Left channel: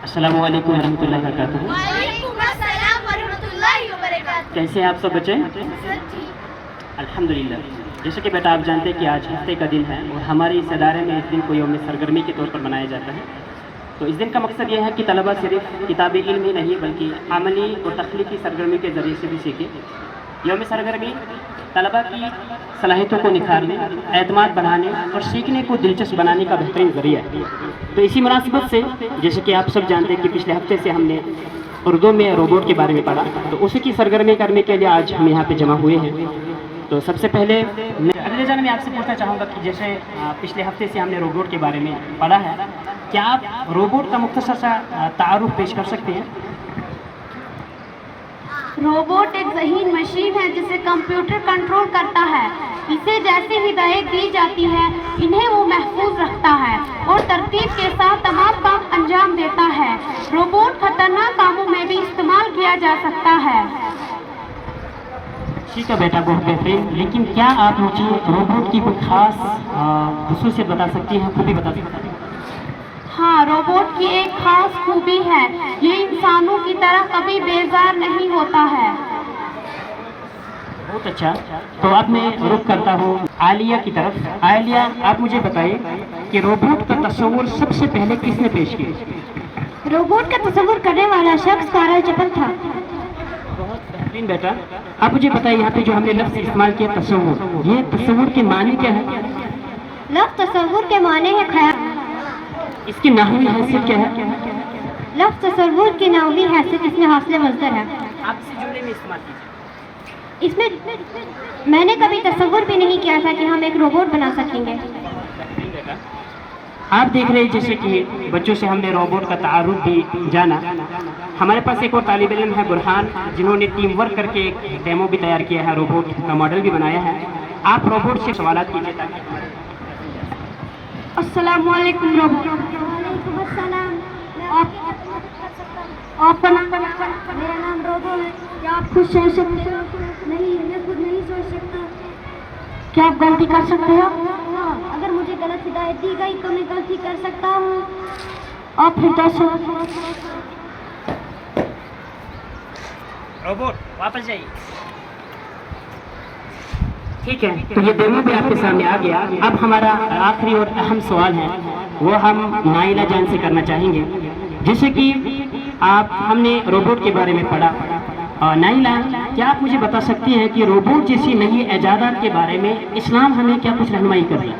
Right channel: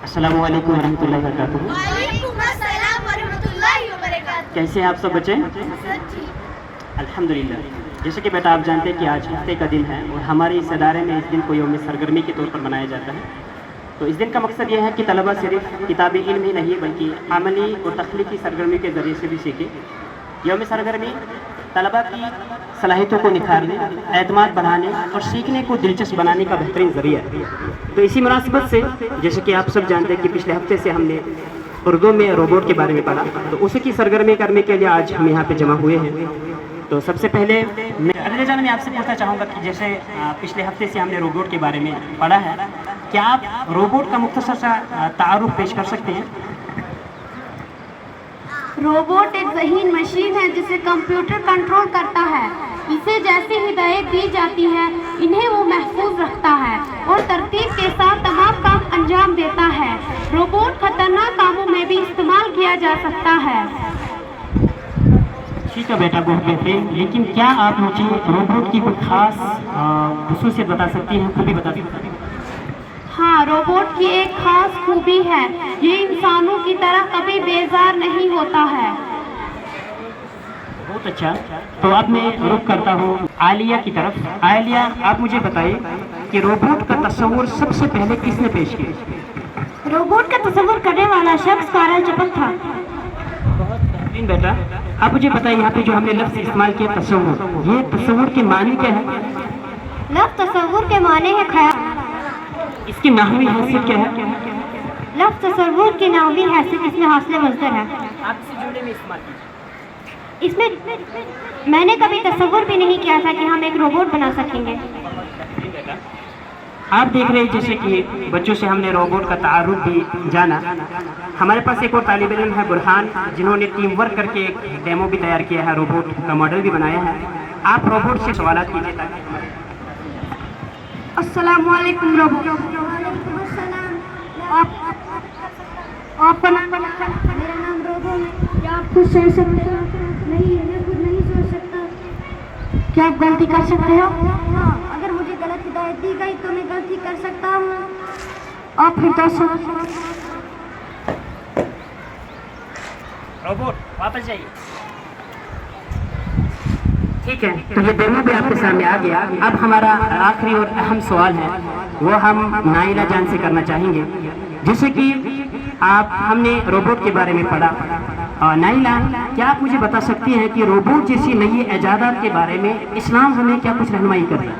अस्सलाम वालेकुम रहमतुल्लाहि वबरकातुहू। वालेकुम अस्सलाम वरहमतुल्लाहि वबरकातुहू। कैसे हैं आप सब बच्चे? सर ठीक। अल्हम्दुलिल्लाह। जैसे कि बेटा आप जानते हैं कि आज हफ्ते का दिन है और हमारे इस इदारे में इस दिन को यौम सरगर्मी के तौर पर मनाया जाता है। तो इस दिन का मकसद यह है कि तलबा सिर्फ किताबी इल्म ही नहीं बल्कि अमली और तख्लीकी सरगर्मी के ज़रिए से भी सीखे। यौम सरगर्मी तलबा की सलाहियतों को निखारने, एतमाद बढ़ाने और सीखने को दिलचस्प बनाने का बेहतरीन ज़रिया है। तो इसी मुनासिबत से जैसे कि आप सब जानते हैं कि पिछले हफ्ते से हमने उर्दू में रोबोट के बारे में पढ़ा, तो उसी की सरगर्मी करने के लिए आज हम यहाँ पे जमा हुए हैं। तो सबसे पहले मैं अगले जान में आपसे पूछना चाहूँगा कि जैसे पिछले हफ्ते से हमने रोबोट के बारे में पढ़ा है, क्या आप रोबोट का मुख्तसर सा तारुफ पेश कर सकते हैं? रोबोट एक ज़हीन मशीन है जिसे कंप्यूटर कंट्रोल करता है। इसे जैसे हिदायत दी जाती है इन्हें वो महफूज रखता है और तरतीब के साथ तमाम काम अंजाम देता है। रोबोट खतरनाक कामों में भी इस्तेमाल किया जा सकता है। ठीक है बेटा, बहुत बेहतरीन। लेकिन क्या आप मुझे रोबोट की कोई खास खुसूसियत बता सकती हैं, खूबी बता सकती हैं? हाँ, रोबोट की एक खास खूबी है, ये इंसानों की तरह कभी बेजार नहीं होता है। बहुत अच्छा। तो अब मैं रुख करता हूँ आलिया की तरफ। आलिया, आप मुझे बताइए कि रोबोट का तस्वुर सबसे पहले किसने पेश किया? रोबोट का तस्वुर करने वाला शख्स कारल चपल था। बहुत बेहतरीन बेटा। आप मुझे बताइए यहाँ पे जो हमने लफ्ज़ इस्तेमाल किया तस्वुर, ये तस्वुर के मानी क्या है? लफ्ज़ तस्वुर के माने है ख्याल। इसकी नाहवी हैसियत क्या है? लफ्ज़ तस्वुर की नाहवी हैसियत इसमें हासिल मज़दर है। आप इसे जुमले में इस्तेमाल कीजिए। इसमें मैंने कभी तस्वुर भी नहीं किया था कि हम एक रोबोट बना सकेंगे। आप देख रहे हैं जैसे कि बच्चों से हमने रोबोट का तारुफ भी जाना। हमारे पास एक और तालिब इल्म है बुरहान, जिन्होंने टीम वर्क करके एक डेमो भी तैयार किया है, रोबोट का मॉडल भी बनाया है। आप रोबोट से सवाल कीजिए ताकि हमारे अस्सलामु अलैकुम रोबोट। आपका नाम? मेरा नाम रोबो है। क्या आप खुद सोच सकते हो? नहीं, मैं खुद नहीं सोच सकता। क्या आप गलती कर सकते हो? हाँ, अगर मुझे गलत हिदायत दी गई तो मैं गलती कर सकता हूँ। आप फिर रोबोट वापस जाइए। ठीक है, तो ये डेमो भी आपके सामने आ गया। अब हमारा आखिरी और अहम सवाल है, वो हम नाइला जान से करना चाहेंगे। जैसे कि हमने रोबोट के बारे में पढ़ा। नाइला, क्या आप मुझे बता सकती हैं कि रोबोट जैसी नई इजादात के बारे में इस्लाम हमें क्या कुछ रहनुमाई कर रहा है?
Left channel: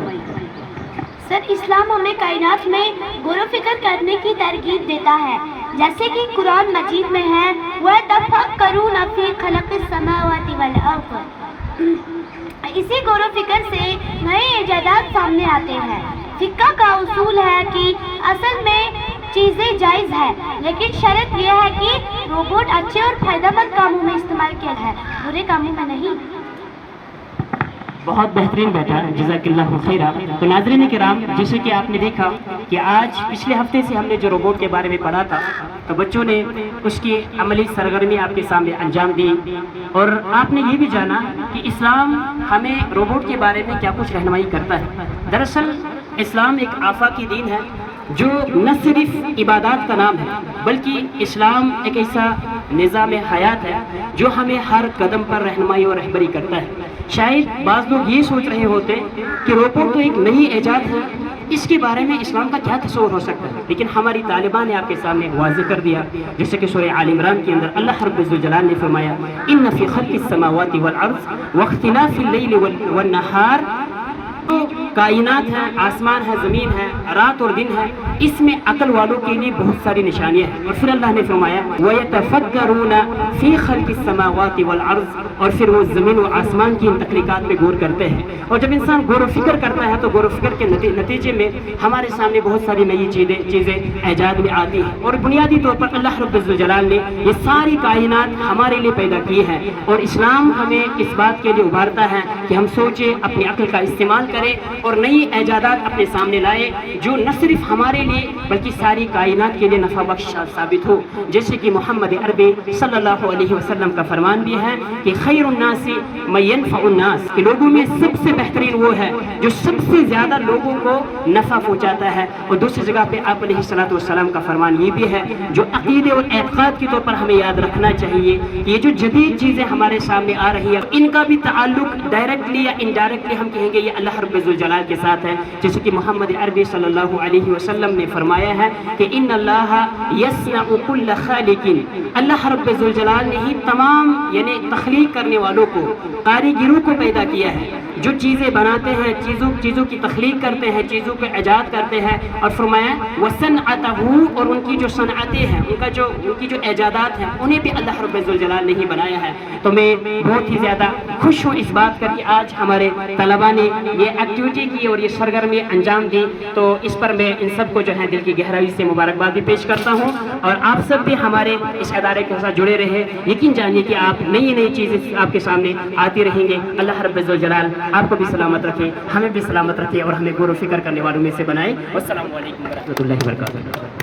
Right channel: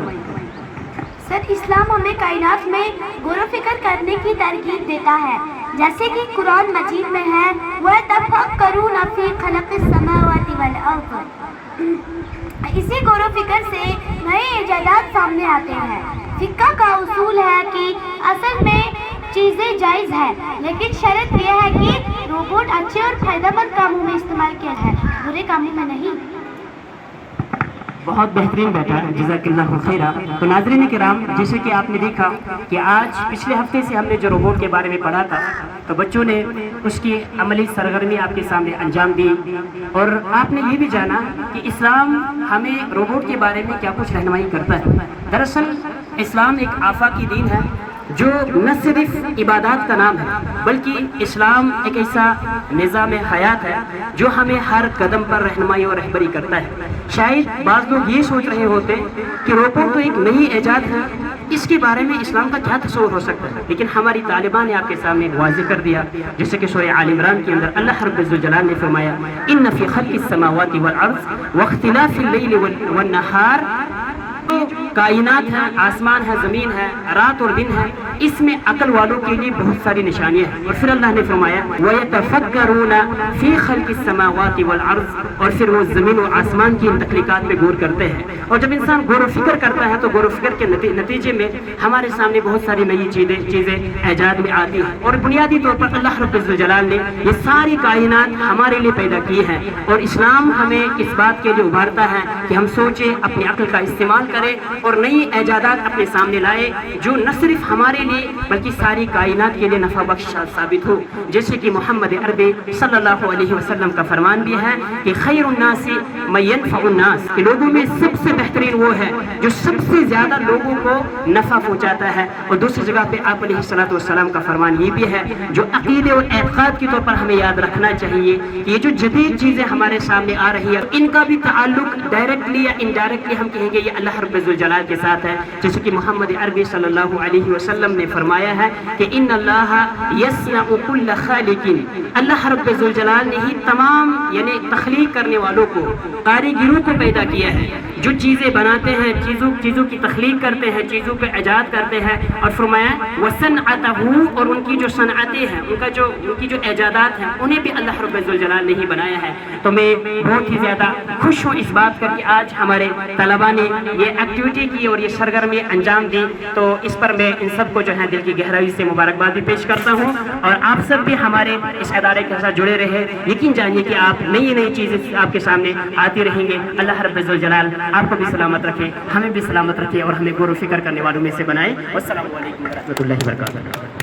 सर, इस्लाम हमें कायनात में गौर व फिक्र करने की तरगीब देता है, जैसे कि कुरान मजीद में है, वतफक्करून फी खल्क़िस समावाति वल अर्ज़। इसी गौर व फिक्र से नए इजादात सामने आते हैं। फिक्का का उसूल है कि असल में चीज़ें जायज़ है, लेकिन शर्त यह है कि रोबोट अच्छे और फायदेमंद कामों में इस्तेमाल किया है, बुरे कामों में नहीं। बहुत बेहतरीन बेटा, जज़ाकल्लाहु खैरा। तो नाज़रीन किराम, जैसे कि आपने देखा कि आज पिछले हफ्ते से हमने जो रोबोट के बारे में पढ़ा था, तो बच्चों ने उसकी अमली सरगर्मी आपके सामने अंजाम दी और आपने ये भी जाना कि इस्लाम हमें रोबोट के बारे में क्या कुछ रहनुमाई करता है। दरअसल इस्लाम एक आफाकी दीन है जो न सिर्फ इबादत का नाम है, बल्कि इस्लाम एक ऐसा निज़ाम हयात है जो हमें हर कदम पर रहनुमाई और रहबरी करता है। शायद बाज़ लोग ये सोच रहे होते कि रोबोट तो एक नई ईजाद है, इसके बारे में इस्लाम का क्या तस्वुर हो सकता है, लेकिन हमारी तालिबान ने आपके सामने वाज़ेह कर दिया। जैसे कि सूरह आल इमरान के अंदर अल्लाह रब्बुल इज़्ज़त जलाल ने फरमाया, इन्न फ़ी ख़ल्क़िस समावाति वल अर्ज़ व इख्तिलाफ़िल लैली वन नहार। कायनात है, आसमान है, ज़मीन है, रात और दिन है, इसमें अकल वालों के लिए बहुत सारी निशानियाँ हैं। और फिर अल्लाह ने फरमाया वयतफक्करूना फ़ी ख़ल्क़िस समावाति वल अर्ज़, और फिर वो ज़मीन और आसमान की इन तख्लीक़ात पे गौर करते हैं। और जब इंसान गौर व फिक्र करता है तो गौर व फिक्र के नतीजे में हमारे सामने बहुत सारी नई चीज़ें ईजाद में आती हैं। और बुनियादी तौर पर अल्लाह रब्बुल इज़्ज़त जलाल ने ये सारी कायनात हमारे लिए पैदा की है। और इस्लाम हमें इस बात के लिए उभारता है कि हम सोचें, अपनी अक्ल का इस्तेमाल करें کرے اور نئی ایجادات اپنے سامنے لائے جو نہ صرف ہمارے لیے بلکہ ساری کائنات کے لیے نفع بخش ثابت ہو. جیسے کہ محمد عربی صلی اللہ علیہ وسلم کا فرمان بھی ہے کہ خیر الناس من ينفع الناس، کہ لوگوں میں سب سے بہترین وہ ہے جو سب سے زیادہ لوگوں کو نفع پہنچاتا ہے. اور دوسری جگہ پہ آپ علیہ الصلوۃ والسلام کا فرمان یہ بھی ہے جو عقیدے اور اعتقاد کے طور پر ہمیں یاد رکھنا چاہیے. یہ جو جدید چیزیں ہمارے سامنے آ رہی ہے ان کا بھی تعلق ڈائریکٹلی یا انڈائریکٹلی ہم کہیں گے یہ اللہ رب ذوالجلال کے ساتھ ہے. جیسے کہ محمد عربی صلی اللہ علیہ وسلم نے فرمایا ہے کہ ان اللہ یصنع کل خالق، اللہ رب ذوالجلال نے ہی تمام یعنی تخلیق کرنے والوں کو، کاریگروں کو پیدا کیا ہے جو چیزیں بناتے ہیں، چیزوں کی تخلیق کرتے ہیں، چیزوں کو ایجاد کرتے ہیں. اور فرمایا وصنعتہ، اور ان کی جو صنعتیں ہیں، ان کی جو ایجادات ہیں انہیں بھی اللہ رب ذوالجلال نے ہی بنایا ہے. تو میں بہت ہی زیادہ خوش ہوں اس بات کر کے آج ہمارے طلباء نے یہ ایکٹیویٹی کی اور یہ سرگرمی انجام دی. تو اس پر میں ان سب کو جو ہے دل کی گہرائی سے مبارکباد بھی پیش کرتا ہوں. اور آپ سب بھی ہمارے اس ادارے کے ساتھ جڑے رہے. یقین جانیے کہ آپ نئی چیزیں آپ کے سامنے آتی رہیں گے. اللہ رب الجلال آپ کو بھی سلامت رکھے، ہمیں بھی سلامت رکھے اور ہمیں غور و فکر کرنے والوں میں سے بنائے. والسلام علیکم ورحمۃ اللہ وبرکاتہ.